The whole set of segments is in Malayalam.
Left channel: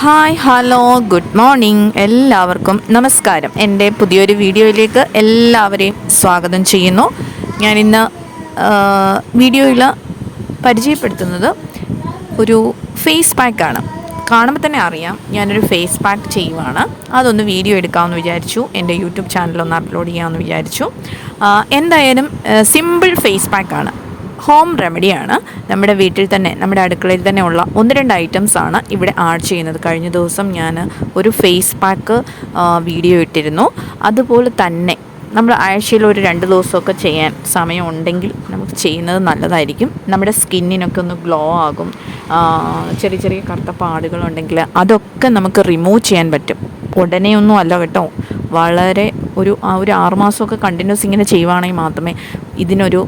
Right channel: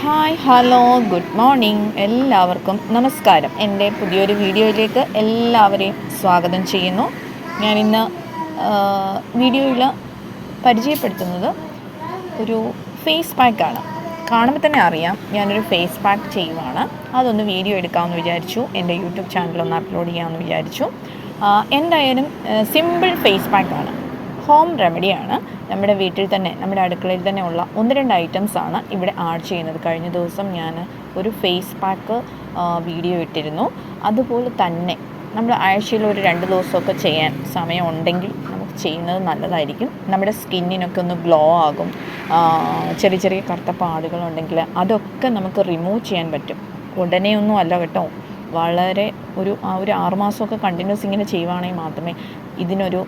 ഹായ് ഹലോ ഗുഡ് മോർണിംഗ് എല്ലാവർക്കും നമസ്കാരം. എൻ്റെ പുതിയൊരു വീഡിയോയിലേക്ക് എല്ലാവരെയും സ്വാഗതം ചെയ്യുന്നു. ഞാനിന്ന് വീഡിയോയിൽ പരിചയപ്പെടുത്തുന്നത് ഒരു ഫേസ് പാക്കാണ്. കാണുമ്പോൾ തന്നെ അറിയാം ഞാനൊരു ഫേസ് പാക്ക് ചെയ്യുവാണ്. അതൊന്ന് വീഡിയോ എടുക്കാമെന്ന് വിചാരിച്ചു. എൻ്റെ യൂട്യൂബ് ചാനലൊന്ന് അപ്ലോഡ് ചെയ്യാമെന്ന് വിചാരിച്ചു. എന്തായാലും സിമ്പിൾ ഫേസ് പാക്കാണ്, ഹോം റെമഡിയാണ്. നമ്മുടെ വീട്ടിൽ തന്നെ, നമ്മുടെ അടുക്കളയിൽ തന്നെ ഉള്ള 1-2 ഐറ്റംസാണ് ഇവിടെ ആഡ് ചെയ്യുന്നത്. കഴിഞ്ഞ ദിവസം ഞാൻ ഒരു ഫേസ് പാക്ക് വീഡിയോ ഇട്ടിരുന്നു. അതുപോലെ തന്നെ നമ്മൾ ആഴ്ചയിൽ ഒരു 2 ദിവസമൊക്കെ ചെയ്യാൻ സമയമുണ്ടെങ്കിൽ നമുക്ക് ചെയ്യുന്നത് നല്ലതായിരിക്കും. നമ്മുടെ സ്കിന്നിനൊക്കെ ഒന്ന് ഗ്ലോ ആകും. ചെറിയ ചെറിയ കറുത്ത പാടുകളുണ്ടെങ്കിൽ അതൊക്കെ നമുക്ക് റിമൂവ് ചെയ്യാൻ പറ്റും. ഉടനെയൊന്നും അല്ല കേട്ടോ, വളരെ ഒരു 6 മാസമൊക്കെ കണ്ടിന്യൂസ് ഇങ്ങനെ ചെയ്യുവാണെങ്കിൽ മാത്രമേ ഇതിനൊരു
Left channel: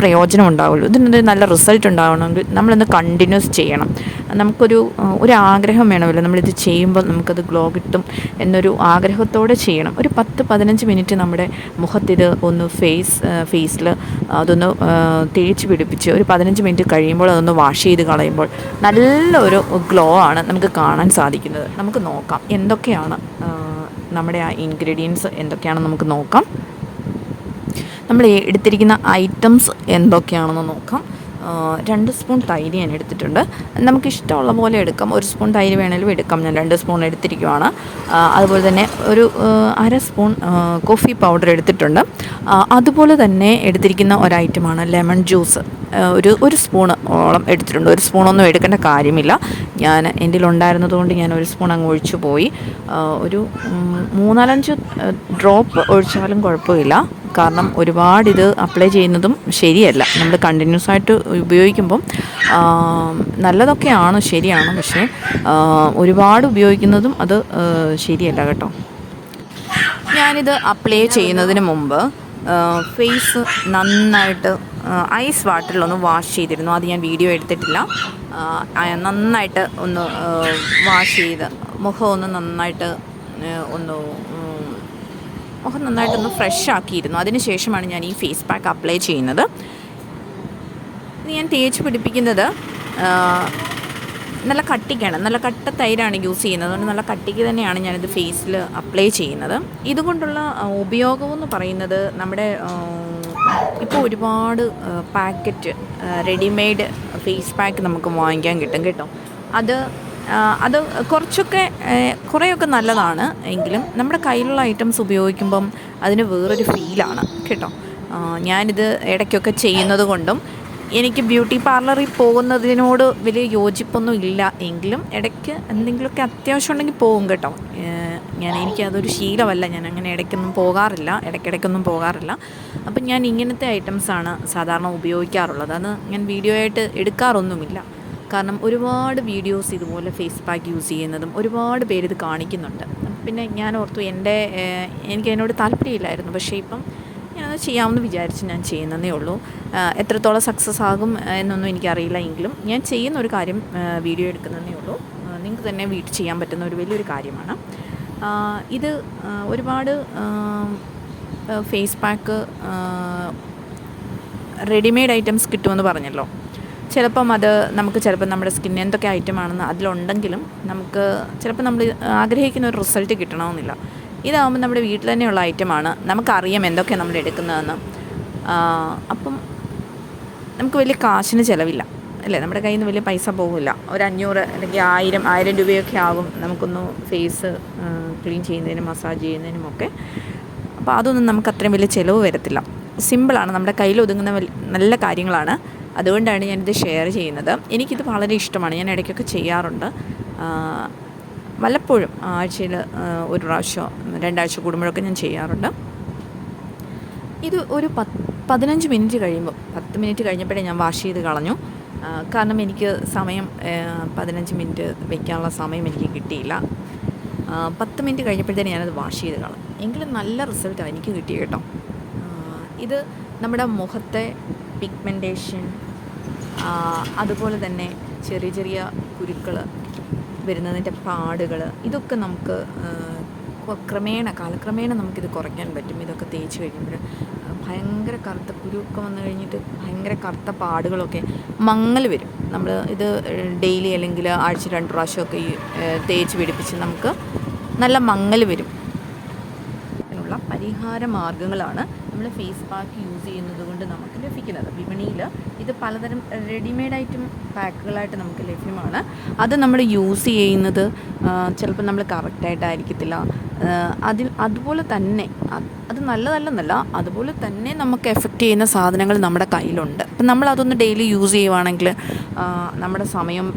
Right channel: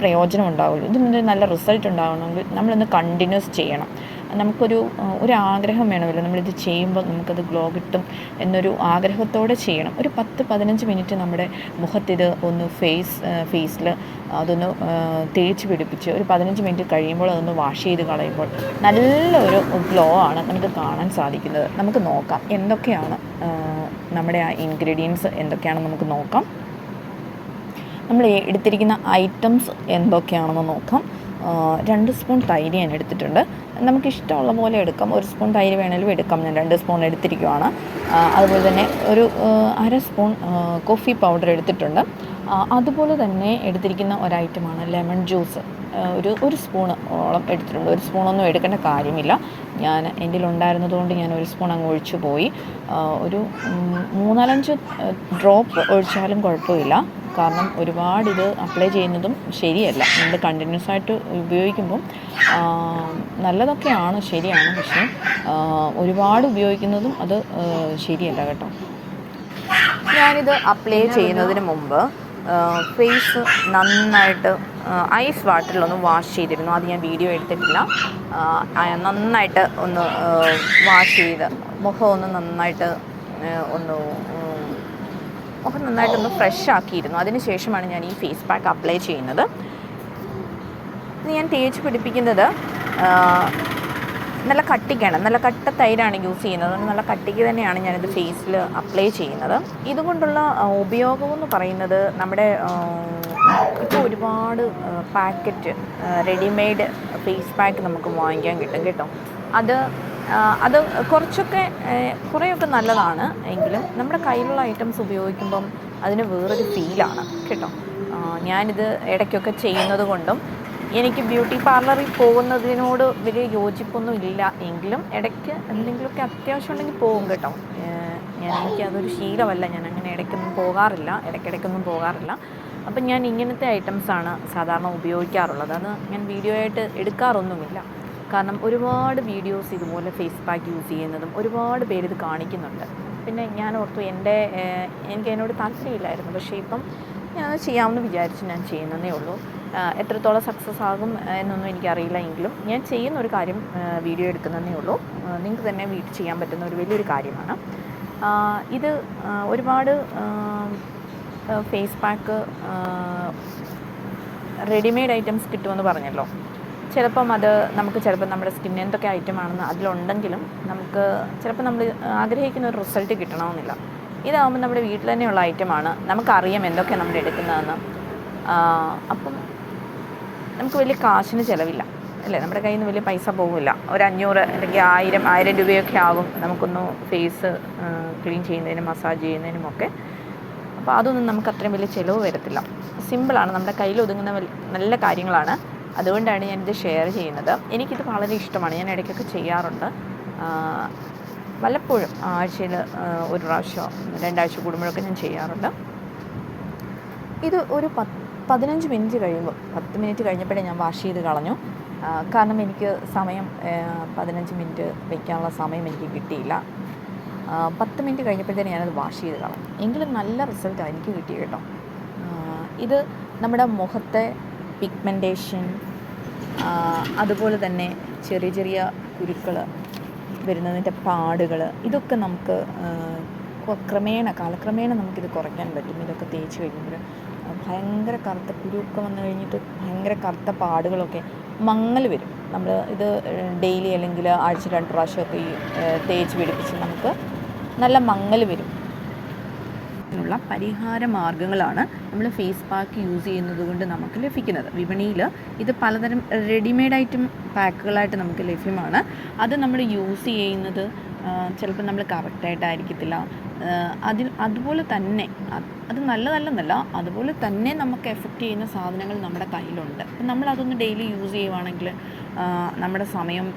പ്രയോജനം ഉണ്ടാവുള്ളൂ. ഇതിനൊരു നല്ല റിസൾട്ട് ഉണ്ടാവണമെങ്കിൽ നമ്മളൊന്ന് കണ്ടിന്യൂസ് ചെയ്യണം. നമുക്കൊരു ആഗ്രഹം വേണമല്ലോ, നമ്മളിത് ചെയ്യുമ്പോൾ നമുക്കത് ഗ്ലോ കിട്ടും എന്നൊരു ആഗ്രഹത്തോടെ ചെയ്യണം. ഒരു 10-15 മിനിറ്റ് നമ്മുടെ മുഖത്തിത് ഒന്ന് ഫേസിൽ അതൊന്ന് തേച്ച് പിടിപ്പിച്ച് ഒരു 15 മിനിറ്റ് കഴിയുമ്പോൾ അതൊന്ന് വാഷ് ചെയ്ത് കളയുമ്പോൾ നല്ലൊരു ഗ്ലോ ആണ് നമുക്ക് കാണാൻ സാധിക്കുന്നത്. നമുക്ക് നോക്കാം എന്തൊക്കെയാണ് നമ്മുടെ ആ ഇൻഗ്രീഡിയൻസ് എന്തൊക്കെയാണെന്ന് നമുക്ക് നോക്കാം. നമ്മൾ എടുത്തിരിക്കുന്ന ഐറ്റംസ് എന്തൊക്കെയാണെന്ന് നോക്കാം. 2 സ്പൂൺ തൈര് ഞാൻ എടുത്തിട്ടുണ്ട്. നമുക്കിഷ്ടമുള്ള പോലെ എടുക്കാം. 1 സ്പൂൺ തൈര് വേണമെങ്കിലും എടുക്കാം. ഞാൻ 2 സ്പൂൺ എടുത്തിരിക്കുകയാണ്. അതുപോലെ തന്നെ ഒരു 1/2 സ്പൂൺ കോഫി പൗഡർ എടുത്തിട്ടുണ്ട്. അതുപോലെ തന്നെ എടുത്തിരിക്കുന്ന ഒരു ഐറ്റമാണ് ലെമൺ ജ്യൂസ്. ഒരു സ്പൂണ് ഓളം എടുത്തിട്ടുണ്ട്. 1 സ്പൂണൊന്നും എടുക്കേണ്ട കാര്യമില്ല. ഞാൻ എൻ്റെ ഉണ്ടായിരുന്നത് കൊണ്ട് ഞാൻ 1 സ്പൂൺ അങ്ങ് ഒഴിച്ചു പോയി. ഒരു 3-4 ഡ്രോപ്പ് ഒഴിച്ചാലും കുഴപ്പമില്ല. കാരണം ഒരുപാട് ഇത് അപ്ലൈ ചെയ്യുന്നതും ശരിയല്ല. നമ്മൾ കണ്ടിന്യൂസ് ആയിട്ട് ഉപയോഗിക്കുമ്പം നല്ലതൊക്കെയാണ്, ശരിയാണ്. പക്ഷേ ഒരുപാട് ഉപയോഗിക്കുന്നതും അത് ശരിയല്ല കേട്ടോ. ഞാനിത് അപ്ലൈ ചെയ്യുന്നതിന് മുമ്പ് ഫേസ് നന്നായിട്ട് ഐസ് വാട്ടറിലൊന്ന് വാഷ് ചെയ്തിരുന്നു. അത് ഞാൻ വീഡിയോ എടുത്തിട്ടില്ല. നന്നായിട്ട് ഒന്ന് വാഷ് ചെയ്ത് മുഖം നന്നായിട്ടൊന്ന് ഫ്രഷ് ആക്കിയിരുന്നു. അതിന് ശേഷമാണ് ഞാൻ ഈ ഫേസ് പാക്ക് അപ്ലൈ ചെയ്യുന്നത്. ഞാൻ തേച്ച് പിടിപ്പിക്കുന്നത് നല്ല കട്ടിക്കാണ്, നല്ല കട്ട തൈരാണ് യൂസ് ചെയ്യുന്നത്. അതുകൊണ്ട് നല്ല കട്ടിക്ക് തന്നെയാണ് ഞാനിത് ഫേസിൽ അപ്ലൈ ചെയ്യുന്നത്. ഇതുകൊണ്ടുള്ള ഉപയോഗമെന്ന് പറയുന്നത്, നമ്മുടെ ഇപ്പോൾ ഒരുപാട് പാക്കറ്റ് റെഡിമെയ്ഡ് ഫേസ് പാക്ക് നമുക്ക് വാങ്ങിക്കാൻ കിട്ടും കേട്ടോ. അത് കുറേയൊക്കെ നല്ലതാണ്. എങ്കിലും നമ്മുടെ കയ്യിലുള്ള ഐറ്റംസ് ഉപയോഗിക്കുമ്പം അതിന് വേറൊരു ഫീലാണ് കേട്ടോ. ഞാനിത് ഇടയ്ക്കൊക്കെ ചെയ്യുന്നത് കൊണ്ടും എനിക്ക് ബ്യൂട്ടി പാർലറിൽ പോകുന്നതിനോട് വലിയ യോജിപ്പൊന്നും ഇല്ല. എങ്കിലും ഇടയ്ക്ക് എന്തെങ്കിലുമൊക്കെ അത്യാവശ്യം ഉണ്ടെങ്കിൽ പോകും കേട്ടോ. എനിക്കതൊരു ശീലമല്ല. ഞാൻ അങ്ങനെ ഇടയ്ക്കിടയ്ക്കൊന്നും പോകാറില്ല. അപ്പം ഞാൻ ഇങ്ങനത്തെ ഐറ്റംസാണ് സാധാരണ ഉപയോഗിക്കാറുള്ളത്. അത് ഞാൻ വീഡിയോ ആയിട്ട് എടുക്കാറൊന്നുമില്ല. കാരണം ഒരുപാട് വീഡിയോസ് ഇതുപോലെ ഫേസ് പാക്ക് യൂസ് ചെയ്യുന്നതും ഒരുപാട് പേരിത് കാണിക്കുന്നുണ്ട്. പിന്നെ ഞാൻ ഓർത്തു എനിക്ക് അതിനോട് താല്പര്യമില്ലായിരുന്നു. പക്ഷേ ഇപ്പം ഞാനത് ചെയ്യാമെന്ന് വിചാരിച്ച് ഞാൻ ചെയ്യുന്നതേ ഉള്ളൂ. എത്രത്തോളം സക്സസ് ആകും എന്നൊന്നും എനിക്കറിയില്ല. എങ്കിലും ഞാൻ ചെയ്യുന്ന ഒരു കാര്യം വീഡിയോ എടുക്കുന്നതേ ഉള്ളൂ. നിങ്ങൾക്ക് തന്നെ വീട്ടിൽ ചെയ്യാൻ പറ്റുന്ന ഒരു വലിയൊരു കാര്യമാണ് ഇത്. ഒരുപാട് ഫേസ് പാക്ക് റെഡിമെയ്ഡ് ഐറ്റംസ് കിട്ടുമെന്ന് പറഞ്ഞല്ലോ. ചിലപ്പം നമ്മുടെ സ്കിന്നിന് എന്തൊക്കെ ഐറ്റമാണെന്ന് അതിലുണ്ടെങ്കിലും നമുക്ക് ചിലപ്പോൾ നമ്മൾ ആഗ്രഹിക്കുന്ന ഒരു റിസൾട്ട് കിട്ടണമെന്നില്ല. ഇതാകുമ്പോൾ നമ്മുടെ വീട്ടിൽ തന്നെയുള്ള ഐറ്റമാണ്. നമുക്കറിയാം എന്തൊക്കെയാണ് നമ്മൾ എടുക്കുന്നതെന്ന്. അപ്പം നമുക്ക് വലിയ കാശിന് ചിലവില്ല അല്ലേ. നമ്മുടെ കയ്യിൽ നിന്ന് വലിയ പൈസ പോകില്ല. ഒരു 500 അല്ലെങ്കിൽ 1000 രൂപയൊക്കെ ആകും നമുക്കൊന്ന് ഫേസ് ക്ലീൻ ചെയ്യുന്നതിനും മസാജ് ചെയ്യുന്നതിനുമൊക്കെ. അപ്പോൾ അതൊന്നും നമുക്ക് അത്രയും വലിയ ചിലവ് വരത്തില്ല. സിമ്പിളാണ്, നമ്മുടെ കയ്യിൽ ഒതുങ്ങുന്ന നല്ല കാര്യങ്ങളാണ്. അതുകൊണ്ടാണ് ഞാനിത് ഷെയർ ചെയ്യുന്നത്. എനിക്കിത് വളരെ ഇഷ്ടമാണ്. ഞാൻ ഇടയ്ക്കൊക്കെ ചെയ്യാറുണ്ട്. വല്ലപ്പോഴും ആഴ്ചയിൽ 1 പ്രാവശ്യം 2 ആഴ്ച കൂടുമ്പോഴൊക്കെ ഞാൻ ചെയ്യാറുണ്ട്. ഇത് ഒരു 15 മിനിറ്റ് കഴിയുമ്പോൾ, 10 മിനിറ്റ് കഴിഞ്ഞപ്പോഴേ ഞാൻ വാഷ് ചെയ്ത് കളഞ്ഞു. കാരണം എനിക്ക് 15 മിനിറ്റ് വയ്ക്കാനുള്ള സമയം എനിക്ക് കിട്ടിയില്ല. 10 മിനിറ്റ് കഴിഞ്ഞപ്പോഴത്തേന് ഞാനത് വാഷ് ചെയ്ത് കളഞ്ഞു. എങ്കിലും നല്ല റിസൾട്ടാണ് എനിക്ക് കിട്ടിയത് കേട്ടോ. ഇത് നമ്മുടെ മുഖത്തെ പിഗ്മെൻറ്റേഷൻ, അതുപോലെ തന്നെ ചെറിയ ചെറിയ കുരുക്കൾ വരുന്നതിൻ്റെ പാടുകൾ, ഇതൊക്കെ നമുക്ക് കാലക്രമേണ നമുക്കിത് കുറയ്ക്കാൻ പറ്റും. ഇതൊക്കെ തേച്ച് കഴിയുമ്പോൾ ഭയങ്കര കറുത്ത കുരുവൊക്കെ വന്നു കഴിഞ്ഞിട്ട് ഭയങ്കര കറുത്ത പാടുകളൊക്കെ മങ്ങൽ വരും. നമ്മൾ ഇത് ഡെയിലി അല്ലെങ്കിൽ ആഴ്ച 2 പ്രാവശ്യമൊക്കെ ഈ തേച്ച് പിടിപ്പിച്ച് നമുക്ക് നല്ല മങ്ങൽ വരും. ുള്ള പരിഹാര മാർഗ്ഗങ്ങളാണ് നമ്മൾ ഫേസ് പാക്ക് യൂസ് ചെയ്യുന്നത് കൊണ്ട് നമുക്ക് ലഭിക്കുന്നത്. വിപണിയിൽ ഇത് പലതരം റെഡിമെയ്ഡ് ഐറ്റം പാക്കുകളായിട്ട് നമുക്ക് ലഭ്യമാണ്. അത് നമ്മൾ യൂസ് ചെയ്യുന്നത് ചിലപ്പോൾ നമ്മൾ കറക്റ്റായിട്ടായിരിക്കത്തില്ല. അതുപോലെ തന്നെ അത് നല്ലതല്ലെന്നല്ല, അതുപോലെ തന്നെ നമുക്ക് എഫക്റ്റ് ചെയ്യുന്ന സാധനങ്ങൾ നമ്മുടെ കയ്യിലുണ്ട്. അപ്പം നമ്മളതൊന്ന് ഡെയിലി യൂസ് ചെയ്യുവാണെങ്കിൽ നമ്മുടെ സമയം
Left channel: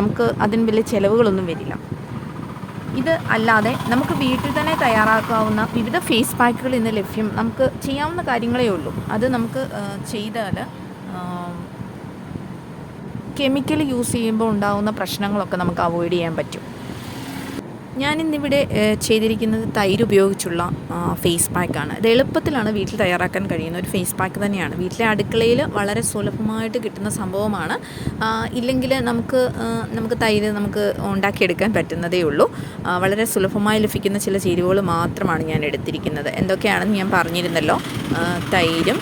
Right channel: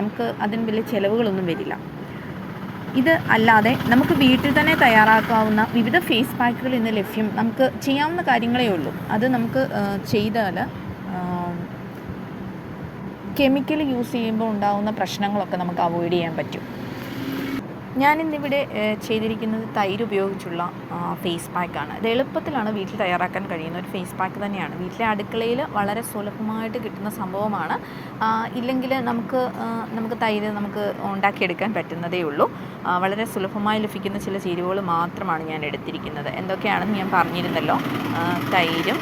നമുക്ക് അതിന് വലിയ ചിലവുകളൊന്നും വരില്ല. ഇത് അല്ലാതെ നമുക്ക് വീട്ടിൽ തന്നെ തയ്യാറാക്കാവുന്ന വിവിധ ഫേസ് പാക്കുകൾ ഇന്ന് ലഭ്യം. നമുക്ക് ചെയ്യാവുന്ന കാര്യങ്ങളേ ഉള്ളൂ. അത് നമുക്ക് ചെയ്താൽ കെമിക്കൽ യൂസ് ചെയ്യുമ്പോൾ ഉണ്ടാകുന്ന പ്രശ്നങ്ങളൊക്കെ നമുക്ക് അവോയ്ഡ് ചെയ്യാൻ പറ്റും. ഞാനിന്നിവിടെ ചെയ്തിരിക്കുന്നത് തൈര് ഉപയോഗിച്ചുള്ള ഫേസ് പാക്കാണ്. ഇത് എളുപ്പത്തിലാണ് വീട്ടിൽ തയ്യാറാക്കാൻ കഴിയുന്ന ഒരു ഫേസ് പാക്ക് തന്നെയാണ്. വീട്ടിലെ അടുക്കളയിൽ വളരെ സുലഭമായിട്ട് കിട്ടുന്ന സംഭവമാണ്. ഇല്ലെങ്കിൽ നമുക്ക് തൈര് നമുക്ക് ഉണ്ടാക്കിയെടുക്കാൻ പറ്റുന്നതേ ഉള്ളൂ. വളരെ സുലഭമായി ലഭിക്കുന്ന ചില ചേരുവകൾ മാത്രമാണ് ഞാൻ എടുത്തിരിക്കുന്നത്. എന്തൊക്കെയാണെന്ന് ഞാൻ പറഞ്ഞിരുന്നല്ലോ. തൈരും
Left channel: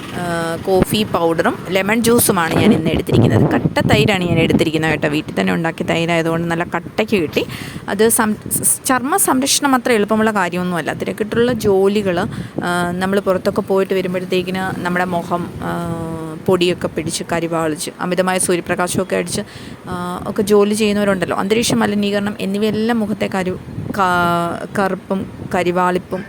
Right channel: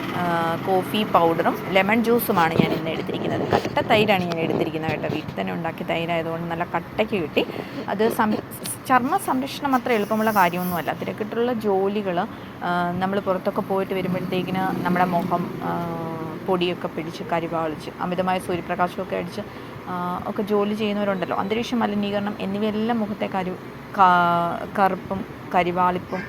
കോഫി പൗഡറും ലെമൺ ജ്യൂസുമാണ് ഞാൻ ഇന്ന് എടുത്തിരിക്കുന്നത്. കട്ട തൈരാണ് ഞാൻ എടുത്തിരിക്കുന്നത് കേട്ടോ. വീട്ടിൽ തന്നെ ഉണ്ടാക്കിയ തൈരായതുകൊണ്ട് നല്ല കട്ടയ്ക്ക് കിട്ടി. അത് ചർമ്മ സംരക്ഷണം അത്ര എളുപ്പമുള്ള കാര്യമൊന്നുമല്ല. തിരക്കിട്ടുള്ള ജോലികൾ നമ്മൾ പുറത്തൊക്കെ പോയിട്ട് വരുമ്പോഴത്തേക്കിന് നമ്മുടെ മുഖം പൊടിയൊക്കെ പിടിച്ച് കരിവാളിച്ച് അമിതമായ സൂര്യപ്രകാശമൊക്കെ അടിച്ച് ഒക്കെ ജോലി ചെയ്യുന്നവരുണ്ടല്ലോ. അന്തരീക്ഷ മലിനീകരണം എന്നിവയെല്ലാം മുഖത്തെ കറുപ്പും കരിവാളിപ്പും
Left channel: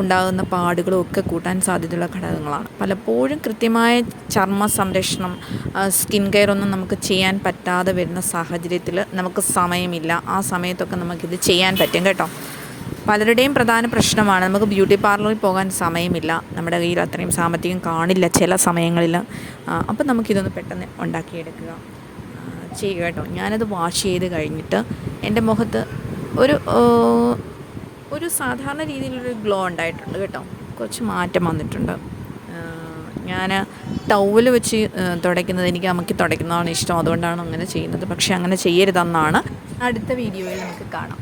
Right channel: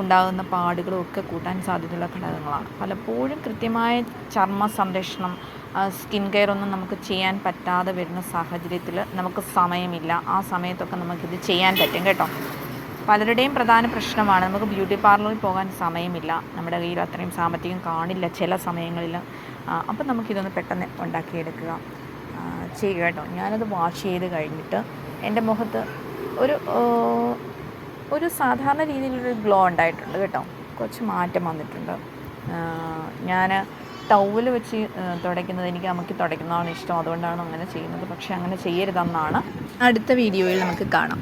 ഉണ്ടാകുന്ന പാടുകളും ഒക്കെ കൂട്ടാൻ സാധ്യതയുള്ള ഘടകങ്ങളാണ്. പലപ്പോഴും കൃത്യമായ ചർമ്മ സംരക്ഷണം സ്കിൻ കെയർ ഒന്നും നമുക്ക് ചെയ്യാൻ പറ്റാതെ വരുന്ന സാഹചര്യത്തിൽ നമുക്ക് സമയമില്ല. ആ സമയത്തൊക്കെ നമുക്കിത് ചെയ്യാൻ പറ്റും കേട്ടോ. പലരുടെയും പ്രധാന പ്രശ്നമാണ് നമുക്ക് ബ്യൂട്ടി പാർലറിൽ പോകാൻ സമയമില്ല, നമ്മുടെ കയ്യിൽ അത്രയും സാമ്പത്തികം കാണില്ല ചില സമയങ്ങളിൽ. അപ്പം നമുക്കിതൊന്ന് പെട്ടെന്ന് ഉണ്ടാക്കിയെടുക്കുക ചെയ്യുക കേട്ടോ. ഞാനത് വാഷ് ചെയ്ത് കഴിഞ്ഞിട്ട് എൻ്റെ മുഖത്ത് ഒരു സാധാരണ രീതിയിലൊരു ഗ്ലോ ഉണ്ടായിട്ടുണ്ട് കേട്ടോ. കുറച്ച് മാറ്റം വന്നിട്ടുണ്ട്. ഞാൻ ടവൽ വെച്ച് തുടയ്ക്കുന്നത് എനിക്ക് അമ്മയ്ക്ക് തുടയ്ക്കുന്നതാണ് ഇഷ്ടം, അതുകൊണ്ടാണ് അങ്ങനെ ചെയ്യുന്നത്. പക്ഷേ അങ്ങനെ ചെയ്യരുതെന്നാണ്. അടുത്ത വീഡിയോയിൽ നമുക്ക് കാണാം.